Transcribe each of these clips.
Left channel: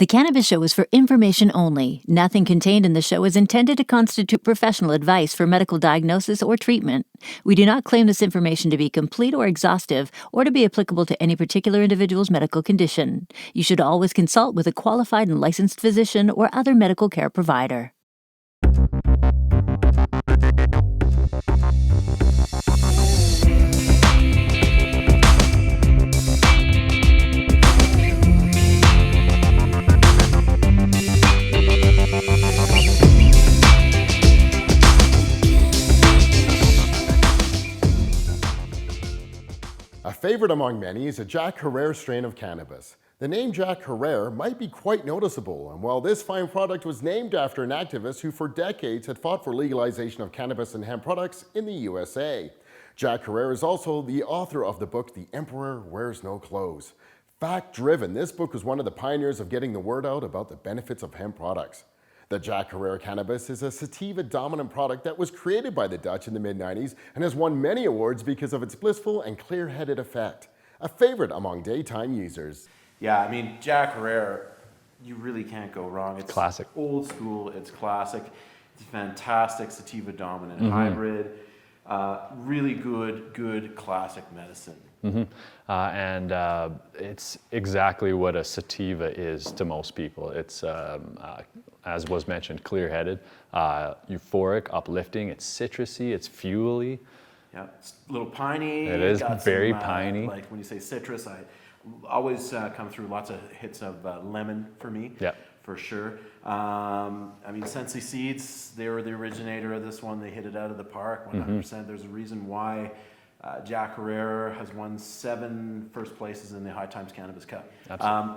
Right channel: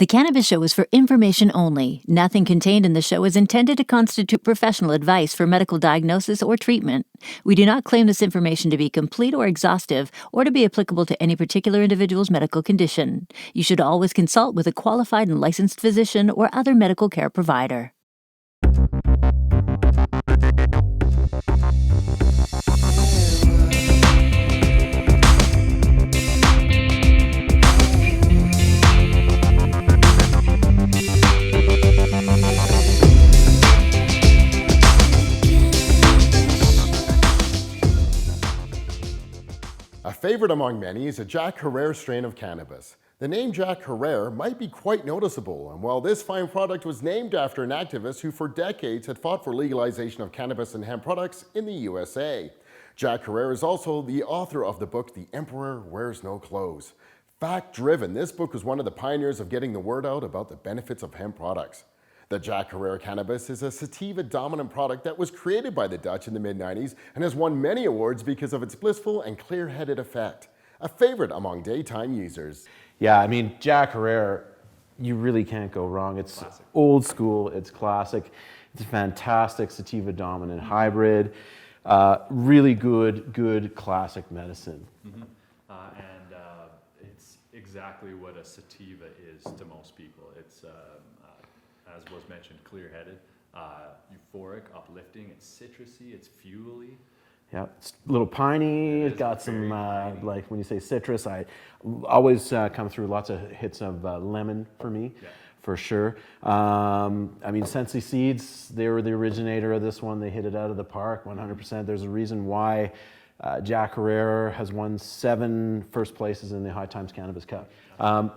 The Cannabis Show is for information only. Nothing contained in the show is intended to constitute professional advice for medical diagnosis or treatment. We do not claim this information to be complete or exhaustive or to be applicable to any particular individual's medical condition. You should always consult with a qualified and licensed physician or other medical care provider. A favorite among many is a Jack Herer strain of cannabis. The name Jack Herer might be quite noticeable, and while this fine product was named after an activist who for decades had fought for legalization of cannabis and hemp products in the USA. Jack Herer is also the author of the book The Emperor Wears No Clothes. Fact-driven, this book was one of the pioneers of getting the word out about the benefits of hemp products. The Jack Herer cannabis is a sativa-dominant product that was created by the Dutch in the mid-90s and has won many awards because of its blissful and clear-headed effect. A favorite among daytime users. Yeah, I mean, Jack Herer, you really can't go wrong. It's classic. Old school, it's classic. It's a fantastic sativa-dominant hybrid. Really good classic medicine. It's exactly what a sativa is to most people. It's, as was mentioned, clear-headed, euphoric, uplifting. It's citrusy, it's fuely. Yeah, it's a little piney. It is got very some, piney. Like when you say citrus, I always come through lots of hits of lemon for me. Yeah. For sure. I mean, Sensi Seeds, they were the originator of this one. They hit it out of the park, 100%. There's a reason why Jack Herer has won 7 first places in the High Times Cannabis Cup.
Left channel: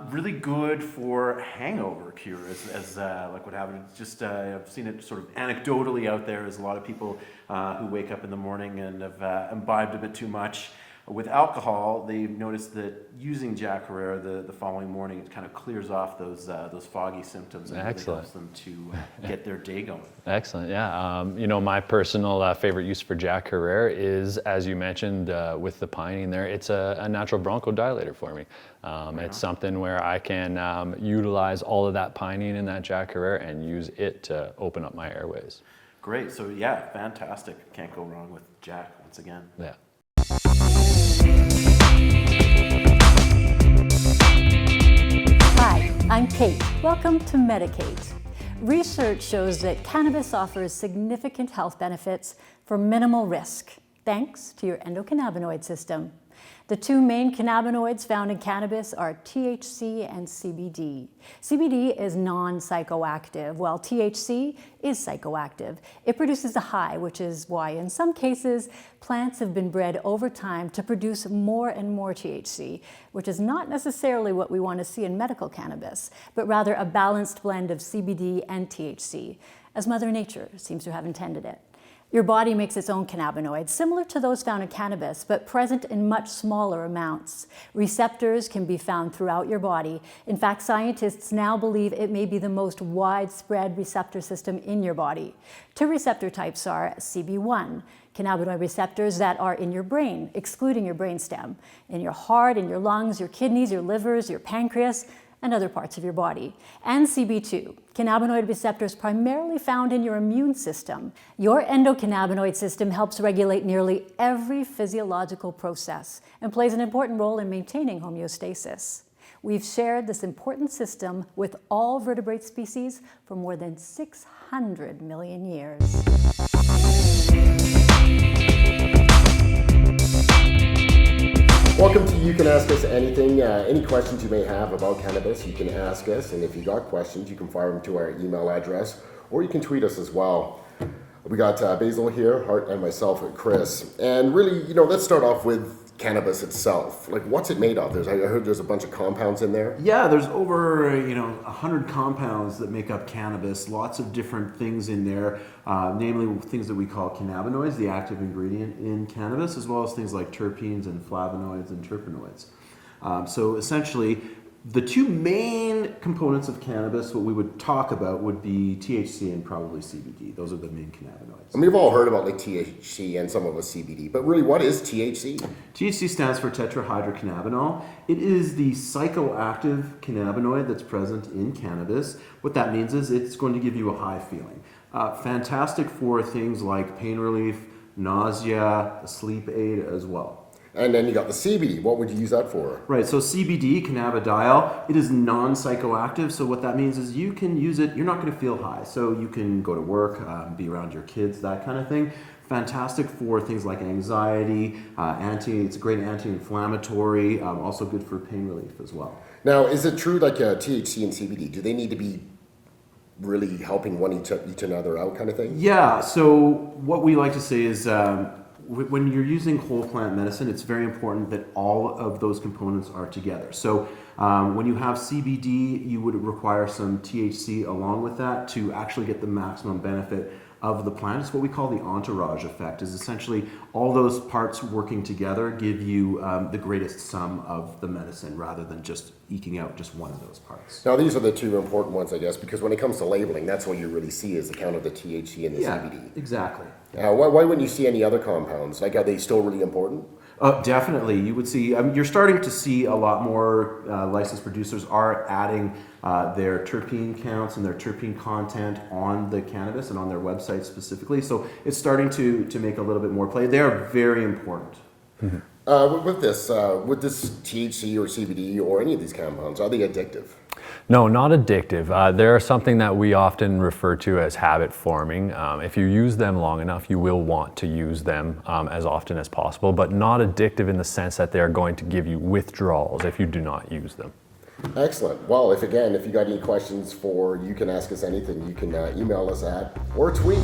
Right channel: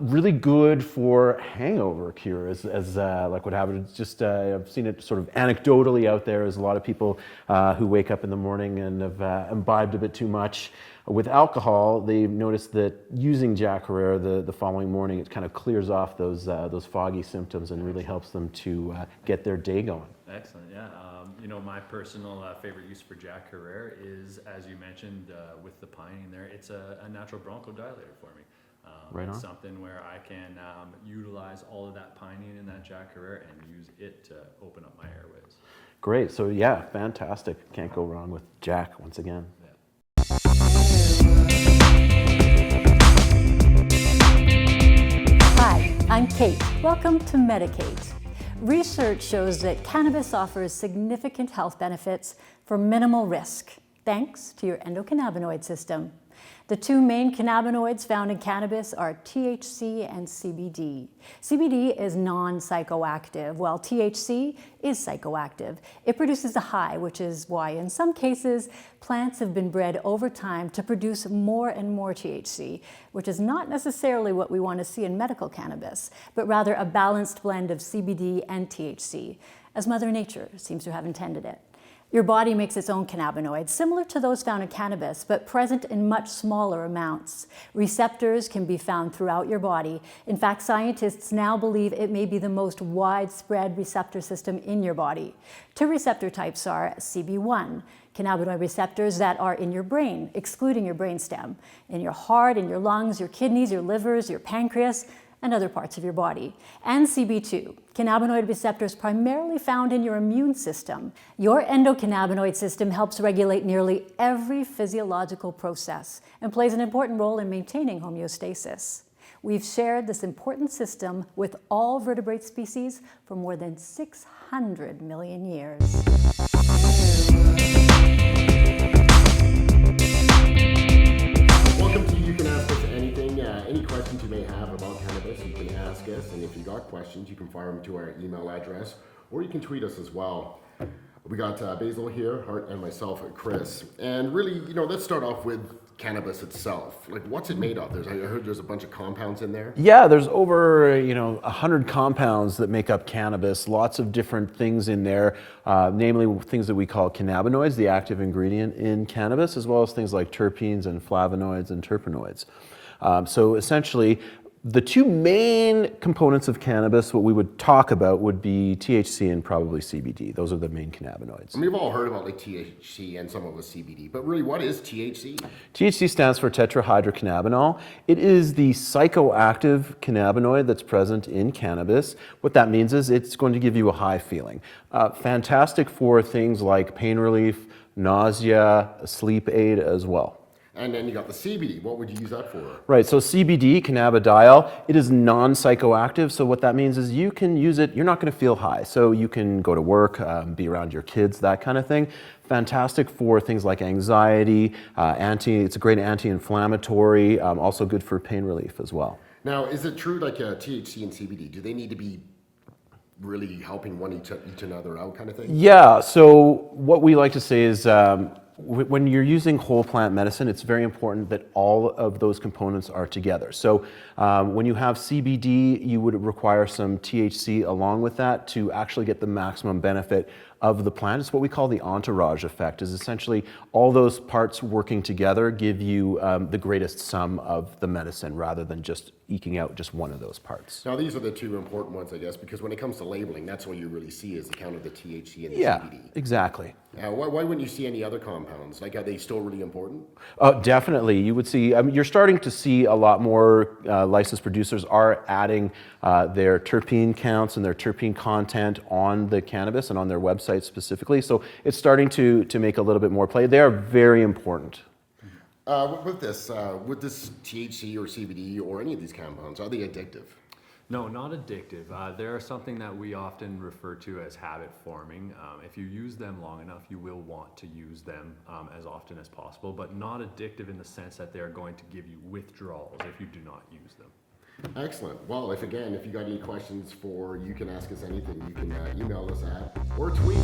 Really good for hangover cure, as like what happened. It's just I've seen it sort of anecdotally out there as a lot of people who wake up in the morning and have imbibed a bit too much with alcohol. They've noticed that using Jack Herer the following morning, it kind of clears off those foggy symptoms and really helps them to get their day going. Excellent, yeah. You know, my personal favorite use for Jack Herer is, as you mentioned, with the piney in there, it's a natural bronchodilator for me. It's something where I can utilize all of that pinene in that Jack Herer and use it to open up my airways. Great, so yeah, fantastic. Can't go wrong with Jack once again. Yeah. Hi, I'm Kate. Welcome to Medicate. Research shows that cannabis offers significant health benefits for minimal risk, thanks to your endocannabinoid system. The 2 main cannabinoids found in cannabis are THC and CBD. CBD is non-psychoactive, while THC is psychoactive. It produces a high, which is why in some cases, plants have been bred over time to produce more and more THC, which is not necessarily what we want to see in medical cannabis, but rather a balanced blend of CBD and THC, as Mother Nature seems to have intended it. Your body makes its own cannabinoids, similar to those found in cannabis, but present in much smaller amounts. Receptors can be found throughout your body. In fact, scientists now believe it may be the most widespread receptor system in your body. 2 receptor types are CB1, cannabinoid receptors that are in your brain, excluding your brainstem, in your heart, in your lungs, your kidneys, your livers, your pancreas, and other parts of your body. And CB2, cannabinoid receptors primarily found in your immune system. Your endocannabinoid system helps regulate nearly every physiological process and plays an important role in maintaining homeostasis. We've shared this important system with all vertebrate species for more than 600 million years. Welcome to You Can Ask Us Anything. Any questions you may have about cannabis, you can ask us. And if you got questions, you can fire them to our email address, or you can tweet us as well. We got Basil here, Hart, and myself, and Chris. And really, you know, let's start off with cannabis itself. Like, what's it made of? I heard there's a bunch of compounds in there. Yeah, there's over 100 compounds that make up cannabis. Lots of different things in there, namely things that we call cannabinoids, the active ingredient in cannabis, as well as things like terpenes and flavonoids and terpenoids. So essentially, The two main components of cannabis, what we would talk about, would be THC and probably CBD. Those are the main cannabinoids. I mean, we've all heard about like THC and some of us CBD, but really, what is THC? THC stands for tetrahydrocannabinol. It is the psychoactive cannabinoid that's present in cannabis. What that means is it's going to give you a high feeling. Fantastic for things like pain relief, nausea, a sleep aid as well. And then you got the CBD. What would you use that for? Right, so CBD, cannabidiol, it is non-psychoactive, so what that means is you can use it, you're not going to feel high, so you can go to work, be around your kids, that kind of thing. Fantastic for things like anxiety, it's a great anti-inflammatory, also good for pain relief as well. Now, is it true like THC and CBD, do they need to be really helping each another out kind of thing? Yeah, so what we like to say is when you're using whole plant medicine, it's very important that all of those components are together. So when you have CBD, you would require some THC along with that to actually get the maximum benefit of the plant. It's what we call the entourage effect, is essentially all those parts working together give you the greatest sum of the medicine rather than just eking out just one of those parts. Now, these are the two important ones, I guess, because when it comes to labeling, that's what you really see is the count of the THC and the CBD. Exactly. Why wouldn't you see any other compounds? Like, are they still really important? Definitely. You would see, you're starting to see a lot more licensed producers are adding their terpene counts and their terpene content on the cannabis and on their website specifically. So it's starting to make a little bit more play. They are very important. Mm-hmm. With this THC or CBD or any of these compounds, are they addictive? No, not addictive. They're something that we often refer to as habit forming. If you use them long enough, you will want to use them as often as possible, but not addictive in the sense that they're going to give you withdrawals if you do not use them. Excellent. Well, if you got any questions you can ask us anything, you can email us at or tweet.